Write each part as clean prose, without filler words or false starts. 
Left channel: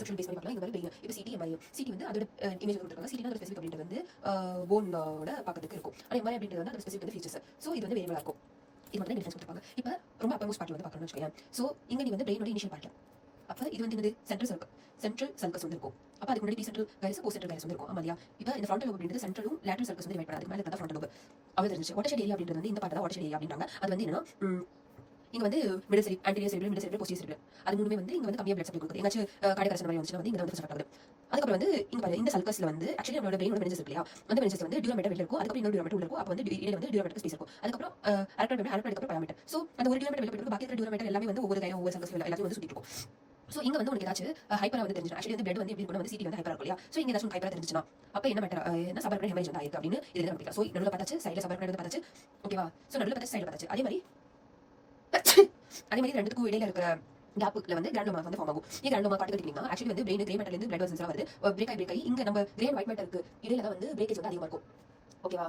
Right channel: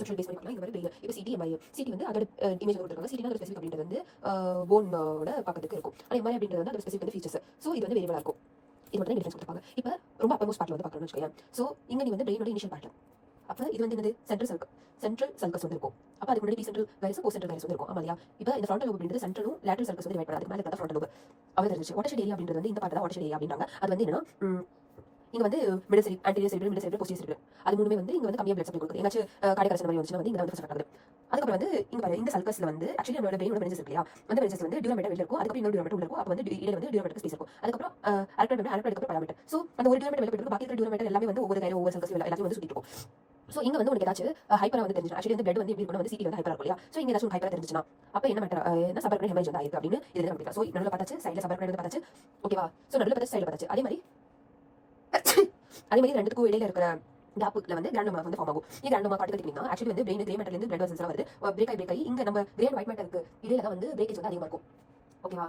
Conception base பண்ணி பார்க்கலாம். இந்த மாதிரி இப்போ சிடி எம்ஐ சிடி வந்து அதோட இமேஜ் கொடுத்துருக்காங்க. சிடினா ஒரு ஸ்பெசிஃபிக் அப்படின்றது வந்து போனோட பார்க்கறதுக்கு இருக்கும். ஆனால் எம்ஐ அப்படின்றது வந்து அது ஸ்பெசிஃபிக் வந்து ஃபீச்சர்ஸ். ஸோ இது வந்து வேரியபிளாக இருக்கும். இது மட்டும் டிஃபரன்ஸ் கொடுத்துருப்பாங்க. இப்போ ரொம்ப அப்பர்மோஸ்ட் பார்ட் வந்து பார்க்கணும்னு வச்சுக்கோங்க. ஸோ இங்கே நீ வந்து பிரெயினோட இனிஷியல் பார்ட். அப்போ இது வந்து என்னது சென்ட்ரல் சர்க்கஸ் வந்து இருக்கும். அப்போ அதுக்கு முன்னாடி சென்ட்ரல் கைரஸ் போஸ்ட் சென்ட்ரல் கைரஸ் வந்து இருக்கும். ஆமாம். இப்போ இந்த ஃப்ரண்டல் லோப் அப்படின்றது சென்ட்ரலும் லேட்டரல் சர்க்கஸ் வந்து டிவைட் பண்ணாது. மேலே இருக்கிற ஃப்ரண்டல் லோப் அவ்வளோ தெரிஞ்சு. வாட்டர்ஷெட் ஏரியா அப்படின்றது வந்து இந்த பார்ட் தான் வாட்டர்ஷெட் ஏரியா அப்படின்றாங்க. அது வந்து என்னன்னா இங்கே வந்து மிடில் செரி anterior cerebral middle cerebral posterior cerebral அது மூணுமே வந்து இங்கே வந்து கம்மியாக பிளட் சப்ளை கொடுக்குது. எங்காச்சும் கார்டியக் அரெஸ்ட் மாதிரி வந்துச்சுன்னா வந்து இங்கே வந்து ஃபர்ஸ்ட் ஆகுது. அதுக்கப்புறம் வந்து இங்கே பாரு இந்த சர்க்கஸ்ல வந்து ஆக்சுவலி நம்மளோட பிரெயினோட மெனிஞ்சஸ் இருக்கு இல்லையா, அந்த மெனிஞ்சஸ் வந்து டியூராமீட்டர் வெளில இருக்கும். அதுக்கப்புறம் இன்னொரு டியூராமீட்டர் உள்ள இருக்கும். அப்போ வந்து இடையில வந்து டியூராமீட்டர் ஸ்பேஸ் இருக்கும். அதுக்கப்புறம் ஆல்டர்னேட் அதுக்கப்புறம் பராமீட்டர். ஸோ அந்த ஒரு டியூராமீட்டர் வெளில போயிட்டு பாக்கி இருக்கிற டியூராமீட்டர் எல்லாமே வந்து ஒவ்வொரு கையில ஒவ்வொரு சர்க்கஸ் எல்லாத்தையும் வந்து சுத்திட்டு இருக்கும். ஸோ இங்கே வந்து உனக்கு ஏதாச்சும் ஹைப்பரா வந்து தெரிஞ்சு ஆக்சுவலி வந்து பிளட் வந்து எப்படி இருக்கணும் வந்து சிடி வந்து ஹைப்பரா இருக்கும் இல்லையா. ஸோ இங்கே ஏதாச்சும் ஹைப்பரா தெரிஞ்சுன்னா அப்போ என்ன மேட்டர் என்ன சபர்பரன் ஹெமரேஜ் வந்து ஆயிருக்கு அப்படின்னு இதில் கண்டுபிடிக்கலாம். ஸோ நடுவில் பார்த்தாச்சு, சைடில் சபர்பரன் வந்து பார்த்தாச்சு. ஓகேவா. ஸோ நடுவில் பார்த்தாச்சு, சைடில் பார்த்தாச்சு. அதே மாதிரி ரெண்டுக்கும் இடையில இருக்கிற கேப்புல வந்து கிராண்டோமா வந்து ஃபார்ம் ஆகும். இந்த கிராண்டோமா காட்டு கட்டிங்கன்னா ஆக்சுவலி வந்து பிரெயின் கிரே மேட்டர்ல இருந்து பிளட் வெசல்ஸ் வருது. பிரேக் ஆகி இங்க நம்ம கிரே அண்ட் ஒயிட் மேட்டருக்கு இடையில தான் வந்து பிரேக்கேஜ் வந்து அதிகமா இருக்கும். ஓகேவா.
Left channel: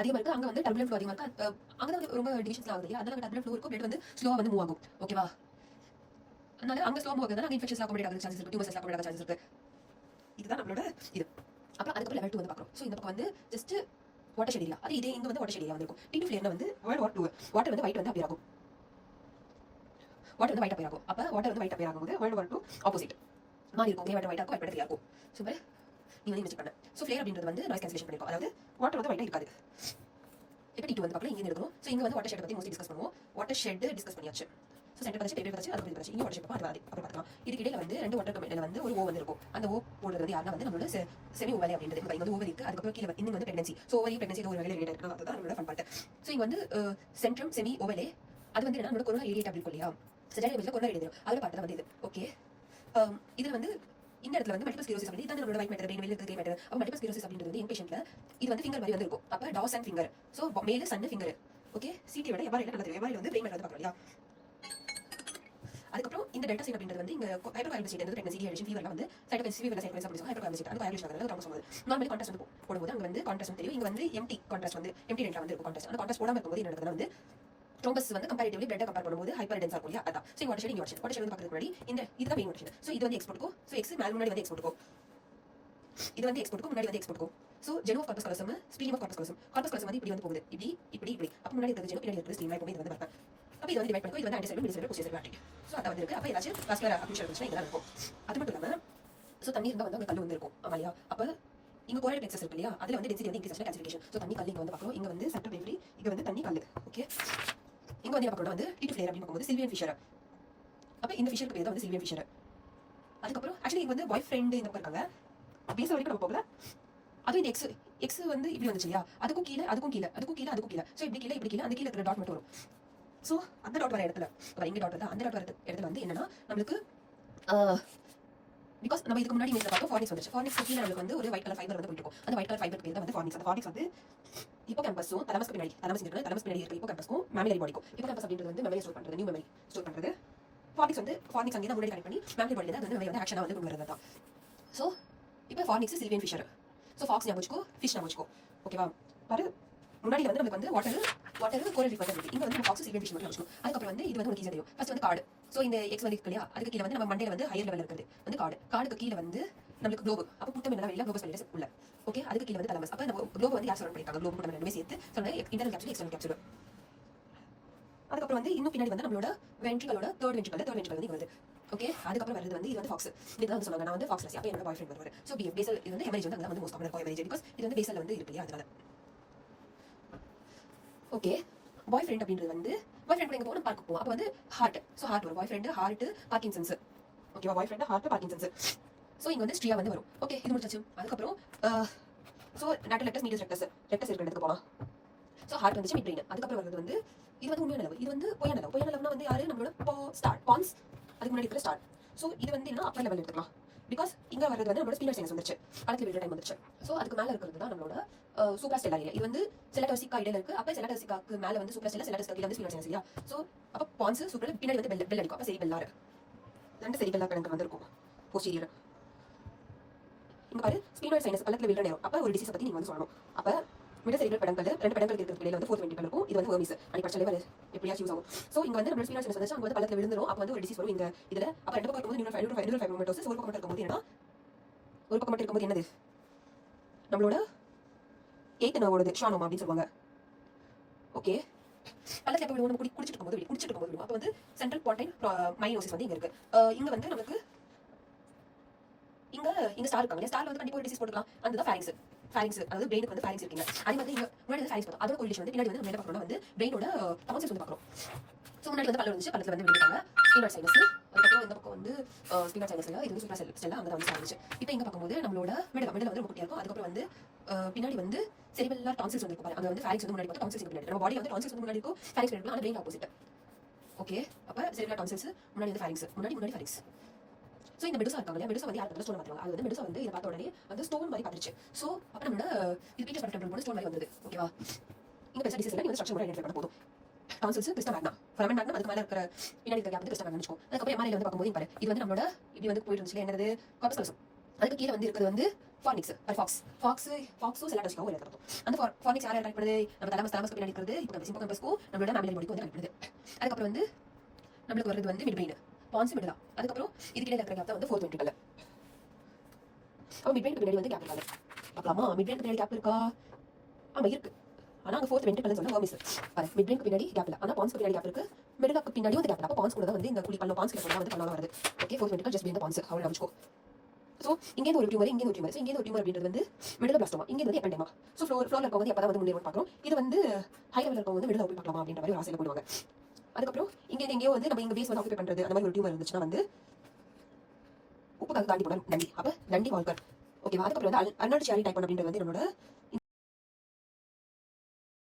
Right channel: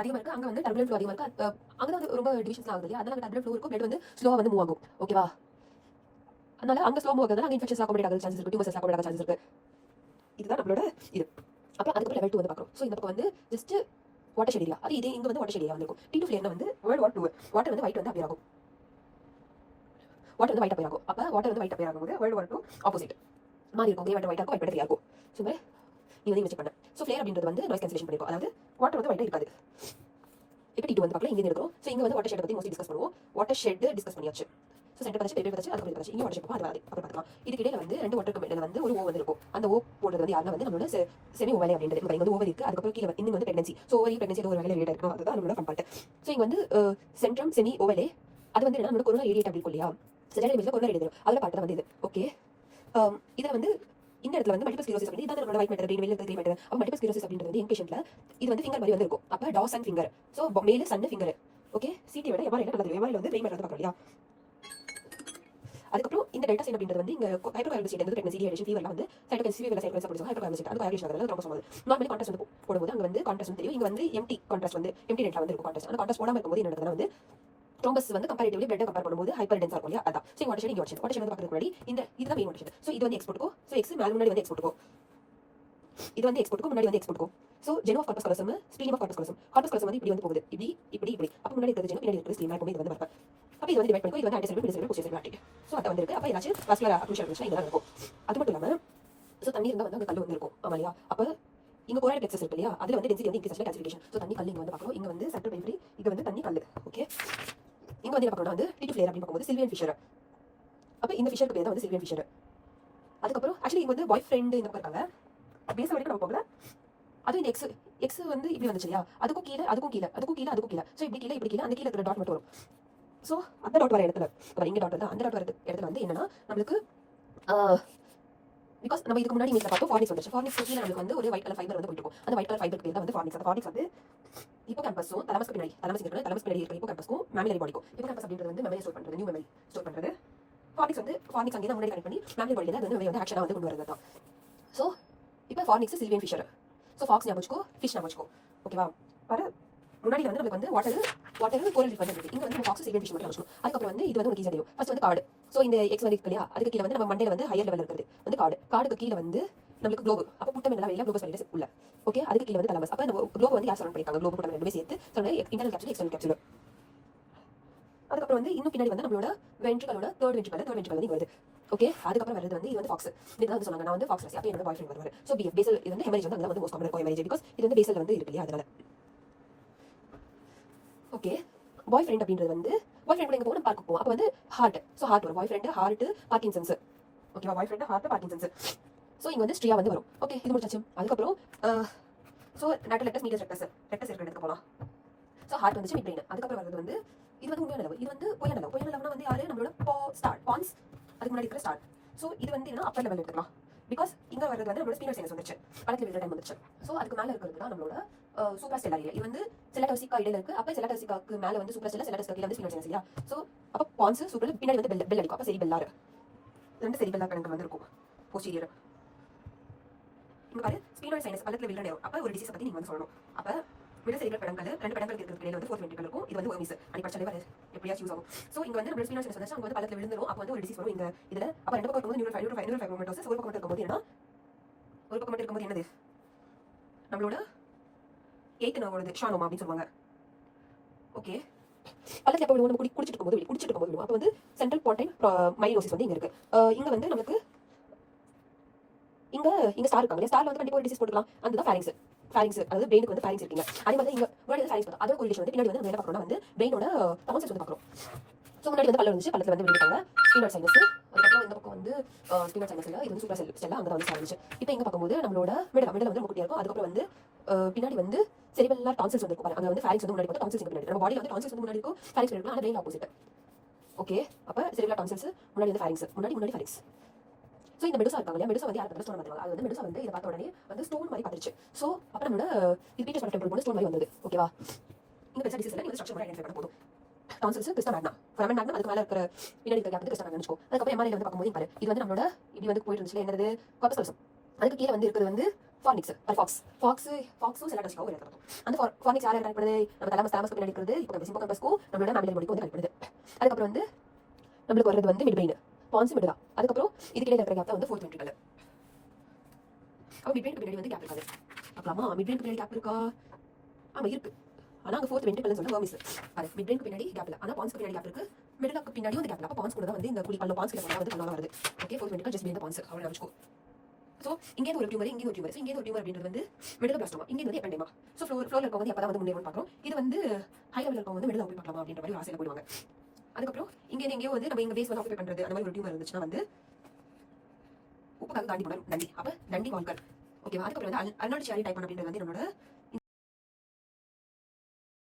அதிகமாக இருக்கு. அங்கே வந்து டர்புலன்ட் ஃப்ளோ அதிகமாக இருக்கு. அங்கே வந்து ரொம்ப டிவிஷன்ஸ்லாம் ஆகுது இல்லையா. அதனால டர்புலன்ட் ஃப்ளோ இருக்கும். பிளட் வந்து ஸ்லோவாக வந்து மூவ் ஆகும். ஓகேவா. அதனால அங்கே ஸ்லோ மூவ் ஆகுதுனால அங்கே இன்ஃபெக்ஷன்ஸ் அக்காமடேட் ஆகுது சான்சஸ் இருக்கு. டியூமர்ஸ் அக்காமடேட் ஆக சான்சஸ் இருக்கு. இதுதான் நம்மளோட இது. அப்புறம் அதுக்கு லெவல் 2 வந்து பார்க்குறோம். ஸோ இந்த பக்கம் வந்து ஜஸ்ட் வாட்டர் ஷெட் ஏரியா. அது இதே இங்கே வந்து வாட்டர் ஷெட் ஏரியா வந்து இருக்கும். T2 ஃபிளேர்ல வந்து வேர்ல்ட் வார் 2 வாட்டர் வந்து ஒயிட் வந்து அப்பியர் ஆகும். வாட்டர் வந்து ஒயிட் அப்பியர் ஆகும். அப்போ வாட்டர் வந்து ஒயிட் அப்பியர் ஆகும்போது வேர்ல்ட் வார் 2 ஆப்போசிட் மாறி இருக்கும். கிரே வாட்டர் ஒயிட் ஆகும், ஒயிட் ஃப்ரீயா இருக்கும். ஸோ மாதிரி நீ வந்து இன்வெஸ்ட் பண்ண. ஸோ ஃபிளேர் அப்படின்றது வந்து நாய்ஸ் கேன்சலேஷன் பண்ணிருக்கும். அதாவது வாட்டர் வந்து ஒயிட்டாக இருக்காது. இப்போ T2 வந்து பார்க்கலாம். இங்கே இருக்கிறோம். ஸோ இங்கே வந்து வாட்டர் ஷெட் பற்றி மோஸ்ட்லி டிஸ்கஸ் பண்ணுவோம். வாட்டர் ஷெட் டிஸ்கஸ் பண்ணியாச்சு. ஸோ சென்டர் பார்த்து பேப்பர் பார்த்து அதுக்கு பார்த்து இங்கே வாட்டர் ஷெட் அது அப்புறம் பார்க்கலாம். இதுக்கு இடையில வந்து ரெண்டு வாட்டர் கம்பெனியில் வந்து ஒரு ஓவன் இருக்கும். அந்த ஓ போடுறது வந்து யாருன்னா வந்து நம்மளோட செமி ஓவலி அப்படின்றது. இங்கே வந்து ஓவர் இருக்குது. அதுக்கப்புறம் கீழே இன்னும் வந்து பிரெக்னன்சி. ஸோ ஓவரி பிரெக்னன்சி ஏதோ ஒரு வேலை ரிலேட் இருக்கும். அதுதான் நம்மளோட ஃபன் பார்ட். ஸோ இங்கே வந்து சென்ட்ரம் செமி ஓவலே அது வந்து நம்மளோட கொரோனா ஏரியா அப்படி இருக்கும் இல்லையா. சென்ட்ரல் கொரோனா ஏரியா அதில் பார்த்து தான் வந்து இது. ஓகே. இதில் வந்து இந்த இடத்துல வந்து மல்டிபிள் ஸ்க்லரோசிஸ் அப்படி இதான் நம்மளோட ஒயிட் மேட்டர் கிரீன் வெளில இருக்கிற கிரீன் மேட்டர். அப்போ மல்டிபிள் ஸ்க்லரோசிஸ் அப்படின்றது வந்து என் பேஷண்ட்ல இது வந்து ஃபிங்கர் மாதிரி வந்து இருக்கும். அப்போ டாஸ் அண்ட் ஃபிங்கர். ஸோ மேல சன் ஃபிங்கர். ஓகே. சிடியோட எம்ஆர்ஐல நல்லது. எம்ஆர்ஐல வந்து பிரெயின் மேட்டர் வந்து பார்க்கலாம் இல்லையா. அதுக்கப்புறம் இந்த டெல்டா சைன் அப்படின்றது வந்து இங்க ஹைப்பர்கார்பன் ஸ்டேட் வந்து பிரெக்னன்சி டிஹைட்ரேஷன் ஃபீவர்ல வந்து சைட்டோகைனஸ் ஃபீவர் சைட்டோகைனஸ் அப்படி சொல்லுவாங்க. ஹைப்பர்கார்பன் ஸ்டேட் அது கோஆகுலேஷன் ஆகுறது ரொம்ப சொல்லுது. நார்மலி கான்ட்ராஸ்ட் வந்து போடும்போது அங்க வந்து கான்ட்ராஸ்ட் வந்து தெரியும். இங்க வந்து எம்டி கான்ட்ராஸ்ட் வந்து எம்டி டெல்டா வந்து இருக்கும். கான்ட்ராஸ்ட் அந்த கான்ட்ராஸ்ட் போடாம இருக்கும்போது என்ன நடக்குதுன்னா வந்து த்ரோம்பஸ் வந்து கம்பேரிட்டிவ்லி பிளட் கம்பேர் பண்ணும்போது ஹைப்பர் டென்ஸா இருக்கும் இல்லையா. அதான். ஸோ வாட்டர் ஷெட் இங்க வாட்டர் ஷெட் வந்து பார்க்கறதுக்கு முன்னாடி இந்த இதுதான் மெயின் வாட்டர் ஷெட். ஸோ இது வந்து எக்ஸ்போர்ட்டுக்கோ. ஸோ எக்ஸ் மேல முன்னாடி வந்து எக்ஸ்போர்ட்டுக்கோ. இது வந்து எக்ஸ்போர்ட்டுக்கோ முன்னாடி வந்து எக்ஸ்போர்ட்டுக்கோ. So genu of corpus callosum splenium of corpus callosum. Corpus callosum வந்து இப்படி வந்து போகுது. இப்படி அப்போ முன்னாடி இருக்கிறது ஜெனோ பின்னாடி இருக்கிறது ஸ்பிளீம் எப்பவுமே இது வந்து பார்ப்பேன். அப்போ இது வந்து டிவைட் பண்ணிக்கோ. இது வந்து ஆன்டிசெப்டிக் மிடிசெப்டிக் போஸ்டீரியர் ஆர்டரி. ஸோ அதான் வந்து இருக்கு. அப்போ ஏதாச்சும் வாஸ்குலர் அக்யூஷன் இருந்துச்சுன்னா இதெல்லாம் இருக்கும். அது மட்டும் இல்லாமல் ஸோ தண்ணி இருந்தால் வந்து அங்கே கல் வந்து இருக்கும். ஆமா இல்லையா. அப்போ இங்கே கோரல் பிளெக்சஸ் இருக்கு இல்லையா. அதில் வந்து டென்சிட்டி வந்து இன்க்ரீஸ் கால்சிஃபிகேஷன். ஸோ தண்ணி கல் இங்கே வந்து பார்க்குறோம். இங்கே வந்து சென்ட்ரல் பெரிஃபரி. இங்கே வந்து தண்ணி கல். ஓகே. இங்கே வந்து என்ன பார்க்கணும் வந்து T2 ஃபிளேர் அப்படின்னு பார்க்கும்போது சில்வியன் ஃபிஷர். அப்போ இந்த ஃபிஷருக்கு பேர் தான் வந்து சில்வியன் ஃபிஷர். அதுக்கப்புறம் ஆக்சுவலி இங்கே வந்து பாய் ஃப்ரெண்டு இந்த இருக்காங்க. பேச வரைக்கும் நம்ம போகல. அது இந்த எக்ஸ் வந்து இப்படி வந்துச்சு இல்லையா. அதுக்கும் கீழே ஸோ இப்படி கீழே அந்த கீழே இருக்கிற டாட் மட்டும் வரும். ஸோ அந்த டாட் வர இடத்துல இங்கே டாட் வந்து அந்த டாட் வர இடத்துல வந்து என்னன்னா நம்மளுக்கு பிகாஸ் நம்ம இதுக்கு முன்னாடி இமேஜ்ல பார்த்தோம் ஃபார்னிக்ஸ் வந்துச்சு. ஃபார்னிக்ஸ் கீழே நம்மளுக்கு வந்து ஒரு ஒயிட் கலர் ஃபைபர் வந்து போயிட்டு இருக்கும். அந்த ஒயிட் கலர் ஃபைபருக்கு பேர் தான் வந்து ஃபார்னிக்ஸ். அந்த ஃபார்னிக்ஸ் வந்து இப்போ கேம்பஸும் தலமஸ்க்கு பின்னாடி இருக்க இப்போ கேம்பஸ்க்கும் மேமிலரி பாடிக்கும். இப்போ கேம்பஸ் அப்படின்றது வந்து மெமரி ஸ்டோர் பண்ணுறது, நியூ மெமரி ஸ்டோர் பண்ணுறது. ஃபார்னிக்ஸ் அங்கே தான் முன்னாடி கனெக்ட் பண்ணி மேமிலரி பாடியில் அது வந்து ஆக்ஷனாக வந்து கொண்டு வரது தான். ஸோ இப்போ ஃபார்னிக்ஸ் சில்வியன் ஃபிஷர். ஸோ ஃபாக்ஸ் ஞாபகம் வச்சுக்கோ, ஃபிஷ் ஞாபகம் வச்சுக்கோ. ஓகேவா. பாரு முன்னாடி வந்து நமக்கு வந்து வாட்டர் கோரல் ரீஃப் வந்து இங்கே வந்து ஃபாக்ஸ் சில்வியன் ஃபிஷ் மட்டும் வச்சுக்கோ. அதுக்கப்புறம் வந்து இது வந்து உங்களுக்கு ஈஸியாக தெரியும். ஃபர்ஸ்ட் வந்து கார்டு. ஸோ இந்த எக்ஸ் வந்து இருக்கு இல்லையா. அதுக்கு கீழே வந்து நம்ம மண்டையில் வந்து ஹையர் லெவலில் இருக்கிறது வந்து கார்டுக்கு கீழே வந்து நம்மளுக்கு குளோப். அப்போ புட்டம் எல்லாம் வெளியில் குளோபஸ் வெளியில் உள்ள. ஓகே. அதுக்கு கீழே வந்து தலமஸ். அப்போ அந்த குளோப் வந்து யார் சரௌண்ட் பண்ணியிருக்காங்க. குளோப் புட்டம் ரெண்டுமே சேர்த்து சொன்ன இன்டர்னல் கேப்சூல் எக்ஸ்டர்னல் கேப்சூல். அதுக்கப்புறம் வந்து இன்னும் பின்னாடி வந்து நம்மளோட வென்ட்ரிகலோட தேர்ட் வென்ட்ரிகல் வந்து வருது. ஓகே. அதுக்கப்புறம் வருது வந்து இது வந்து ஃபாக்ஸ். இதுதான் வந்து சொன்னாங்க. நான் வந்து ஃபாக்ஸ் ரசி. அப்போ என்னோட பாய் ஃப்ரெண்ட் வருவார். ஸோ பேசல் இது வந்து ஹெமரேஜ் வந்து அங்கே வந்து மோஸ்ட் காமன் இருக்கும் ஹெமரேஜ். பிகாஸ் இது வந்து பேசல் வந்து இருக்கு இல்லையா. அதனால ஓகே. பாய் ஃப்ரெண்ட் அப்படின்றது வந்து பாய் ஃப்ரெண்ட் எங்கே போகணும் பார்க்க போவோம். அப்போ வந்து ஹார்ட். ஸோ ஹார்ட் வரும். Boy friend heart Parkinson's. ஓகேவா. Boy friend heart Parkinson's. So இங்கே வந்து ஸ்ட்ரியா வந்து வரும். ஓகே. இது முடிச்சாச்சு. அதுக்கப்புறம் ஸோ ரெக்டஸ் மீட்டர்ஸ் ரெக்டஸ் இருக்கிற இடத்துக்கு போகலாம். ஸோ ஹார்ட் வந்துச்சு மிட் பிரெயின். அதுக்கப்புறம் வருது வந்து இது வந்து உண்மையான லெவல். இது வந்து பொய்யான லெவல்னா வந்து யாரு நம்மளோட பான்ஸ் அதுக்கு முன்னாடி இருக்கிற ஸ்டார்ட். ஸோ இது வந்து என்ன அப்பர் லெவல் எடுத்துக்கலாம். பிகாஸ் இங்கே வரது வந்து நம்மளோட ஸ்பீனர் சைனஸ் வந்துச்சு. படத்தில் விடுற டைம் வந்துச்சு. ஸோ அதுக்கு மேலே இருக்கிறது தான் நம்மளோட சூப்பர்ஸ்டெல்லா ஏரியா. இது வந்து செலடோசிக்கா இடையில இருக்கு. அப்போ செலடோசிக்காக்கு மேலே வந்து சூப்பர்ஸ்டெல்லா செலடோசிக்கா கீழே வந்து ஸ்பீனர் சைனஸ் இல்லையா. ஸோ அப்போ பான்ஸ் சூப்பர் பின்னாடி வந்து பெல் அடிக்கும். அப்போ சரி பெல்லாரு ரெண்டு சரி பெல்லா கணக்கு வந்து இருக்கும் போஸ்டீரியர். இங்கே பாரு ஸ்பீனர் சைனஸ் பள்ளத்தில் விடுற நேரம். அப்போ ஒரு டிசீஸ் பற்றி நீங்கள் வந்து சொல்லணும். அப்போ மிடில் செரிபிரல் பெடங்கல் ரெண்டு பெடங்களுக்கு இருக்கிற பிள்ளைல வந்து ஃபோர்த் வென்ட்ரிகல் இருக்கும். இது வந்து வெர்மிஸ் அடி படிச்சாலே வர எப்படியா யூஸ் ஆகும். சோ இங்க வந்து நம்ம ஸ்பீனால் சைனஸ் வந்து அங்க வந்து பள்ளத்துல விழுந்துரும். அப்ப வந்து ஒரு டிசீஸ் வரும் இங்க இதுல. அப்ப ரெண்டு பக்கம் இருக்கும்போது நியூரல் ஃபைப்ரோமட்டோசிஸ், ஒரு பக்கம் மட்டும் இருக்கும்போது என்ன, ஒரு பக்கம் மட்டும் இருக்கும்போது என்னது, நம்மளோட 8th நர்வோடது ஷானோமா அப்படின்னு சொல்லுவாங்க. ஓகே, பள்ளத்துல எப்ப விழுவோம், நம்ம குடிச்சிட்டு இருக்கும்போது விழுவோம். அப்ப வந்து சென்ட்ரல் பாயிண்ட் மைனோசிஸ் வந்து இங்க இருக்கு. இங்க வந்து நமக்கு இங்க ஸ்டார் இருக்காங்க. ஸ்டார்ல வந்து கண்டிப்பா ஒரு டிசீஸ் போட்டுக்கலாம். அதுதான் ஃபேரிங்ஸ் அதாவது பிரெயினுக்கு வந்து ஃபேரிங்ஸ் இருக்குங்க. அதே மாதிரி இங்க முன்னாடி வந்து ஃபேரிங்ஸ் பார்த்தோம். அதோட கோரிலேஷன் வந்து பின்னாடி வந்து நம்ம என்ன பார்க்கறோம்னா வந்து பிரெயினோட டான்சில்ஸ் வந்து பார்க்கறோம். சோ முன்னாடி வந்து பல்ல இருந்துச்சு, பல்லத்துல வந்து விழுந்துட்டாங்க ஸ்பீனல் சைனஸ். அதுக்கப்புறம் இந்த பக்கம் வந்து ஸ்பீனல் சைனஸ் இல்ல, இது வந்து சூப்பர் செல் அங்க தான் வந்து இருந்துச்சு. இப்போ இங்க பார்க்கும்போது நம்மளோட மிடில் வந்து ரொம்ப குட்டியா இருக்கும். அதுக்கப்புறம் வந்து பின்னாடி வந்து செரிபெல்லர் டான்சில்ஸ் வந்து இருக்கும். அங்க வந்து ஃபேரிங்ஸ் வந்து முன்னாடி இருக்கும், டான்சில்ஸ் இங்க பின்னாடி. நம்ம பாடியில வந்து டான்சில்ஸ் வந்து முன்னாடி இருக்கும், ஃபேரிங்ஸ் பின்னாடி இருக்கும். ஆனா பிரெயின் ஆப்போசிட். ஓகே, அப்ப செரிபெல்லர் டான்சில்ஸ் முன்னாடி வந்து ஃபேரிங்ஸ், முன்னாடி ஃபேரிங்ஸ். சோ இந்த மெடுசா இருக்காங்க இல்லையா, மெடுசா வந்து யார் ஸ்டோன் மாட்டாங்க. அது வந்து மெடுசா வந்து இதை பார்த்த உடனே வந்து ஸ்டோன் மாதிரி பார்த்துருச்சு. சோ அப்ப நம்மளோட இது பீட்டர் ஸ்பெக்ட்ரம் போல ஸ்டோன் மாதிரி வந்தது. ஓகேவா, இங்க பெருசா டிசீஸ் இல்லை, நீங்க ஸ்ட்ரக்சர் மட்டும் ஐடென்டிஃபை பண்ண போதும். டான்சில்ஸ் கிறிஸ்டா மேக்னா, ஃபெரமன் மேக்னா அதுக்கு மேல இருக்கிற பின்னாடி இருக்கிற கேப் வந்து கிறிஸ்டா மேக்னா வெச்சுக்கோ. அதுக்கப்புறம் எம்ஆர்ஐல வந்து பார்க்கும்போது பாரு, இது வந்து நம்மளோட இப்படி வந்து போயிட்டு இருந்துச்சு என்னது, கார்பஸ் கலசம். அதுக்கு கீழே வந்து இருக்கிறது வந்து ஃபார்னிக்ஸ் ஃபாக்ஸும் செலாட்டோஸ்காவும் இருக்கும். அந்த ஃபார்னிக்ஸ் யாரை கனெக்ட் பண்ணுது, நம்ம தலமஸ்க்கு பின்னாடி இருக்கிறது இப்போ கம்பஸ்க்கும் நம்மளோட மேமிலர் பாடிக்கு வந்து கனெக்ட் பண்ணுது. அதுக்கப்புறம் வந்து நம்மளுக்கு வருது வந்து மிட் பிரெயின், பான்ஸ் மிட் தான். அதுக்கப்புறம் இதுக்கிடையில இருக்கிற கேப் தான் வந்து ஃபோர்த் வென்ட்ரிகல். அப்ப மிட் பிரெயினுக்கு பின்னாடி வந்து கேப் இருக்காது. பார்க்கலாமா, மிட் பிரெயினுக்கு பின்னாடி கேப் இருக்கா? ஆமா இருக்கு. ஆனா அங்க ஃபோர்த் வென்ட்ரிகல்னு சொல்ல வெர்மிஸ் பாரு. மிட் பிரெயினுக்கு பின்னாடி கேப் இல்ல, ஆனா பான்ஸ்க்கு பின்னாடி கேப் இருக்கு. மிடிலுக்கு பின்னாடி வந்து கேப் இல்ல. அப்ப பான்ஸ் கூட தான் வந்து இந்த குடி பல்ல பான்ஸ் கிட்ட வந்து கண்ணால வருது. Okay, fourth ventricle just been the pons அவ்வளவு நினைச்சுக்கோ. சோ இங்க ஒரு டியூமர், இங்க ஒரு டியூமர். சோ இங்க ஒரு டியூமர் அப்படின்றது வந்து மிடில் பிளாஸ்டோமா, இங்க வந்து எப்பெண்டமா. சோ ஃப்ளோர்ல இருக்கவங்க வந்து எப்பதான் வந்து முன்னேறி பார்க்கறோம். இது வந்து ஹை லெவல்ல இருக்கவங்க வந்து மிடில் போய் பார்க்கலாமா அப்படின்ற மாதிரி ஒரு ஆசையில போடுவாங்க. அதுக்கப்புறம் இங்க எங்கேயோ வந்து நம்ம இங்க பேஸ் வந்து ஆக்குபை பண்றது அந்த மாதிரி ஒரு டியூமர் இருந்துச்சுன்னா வந்து உப்பு தாண்டி போன நண்டி, அப்ப நண்டி வால்கர். ஓகேவா, அதுக்கப்புறம் வந்து அர்னால்ட் ஷியாரி டைப் அப்படின்றது வந்து நம்மளோட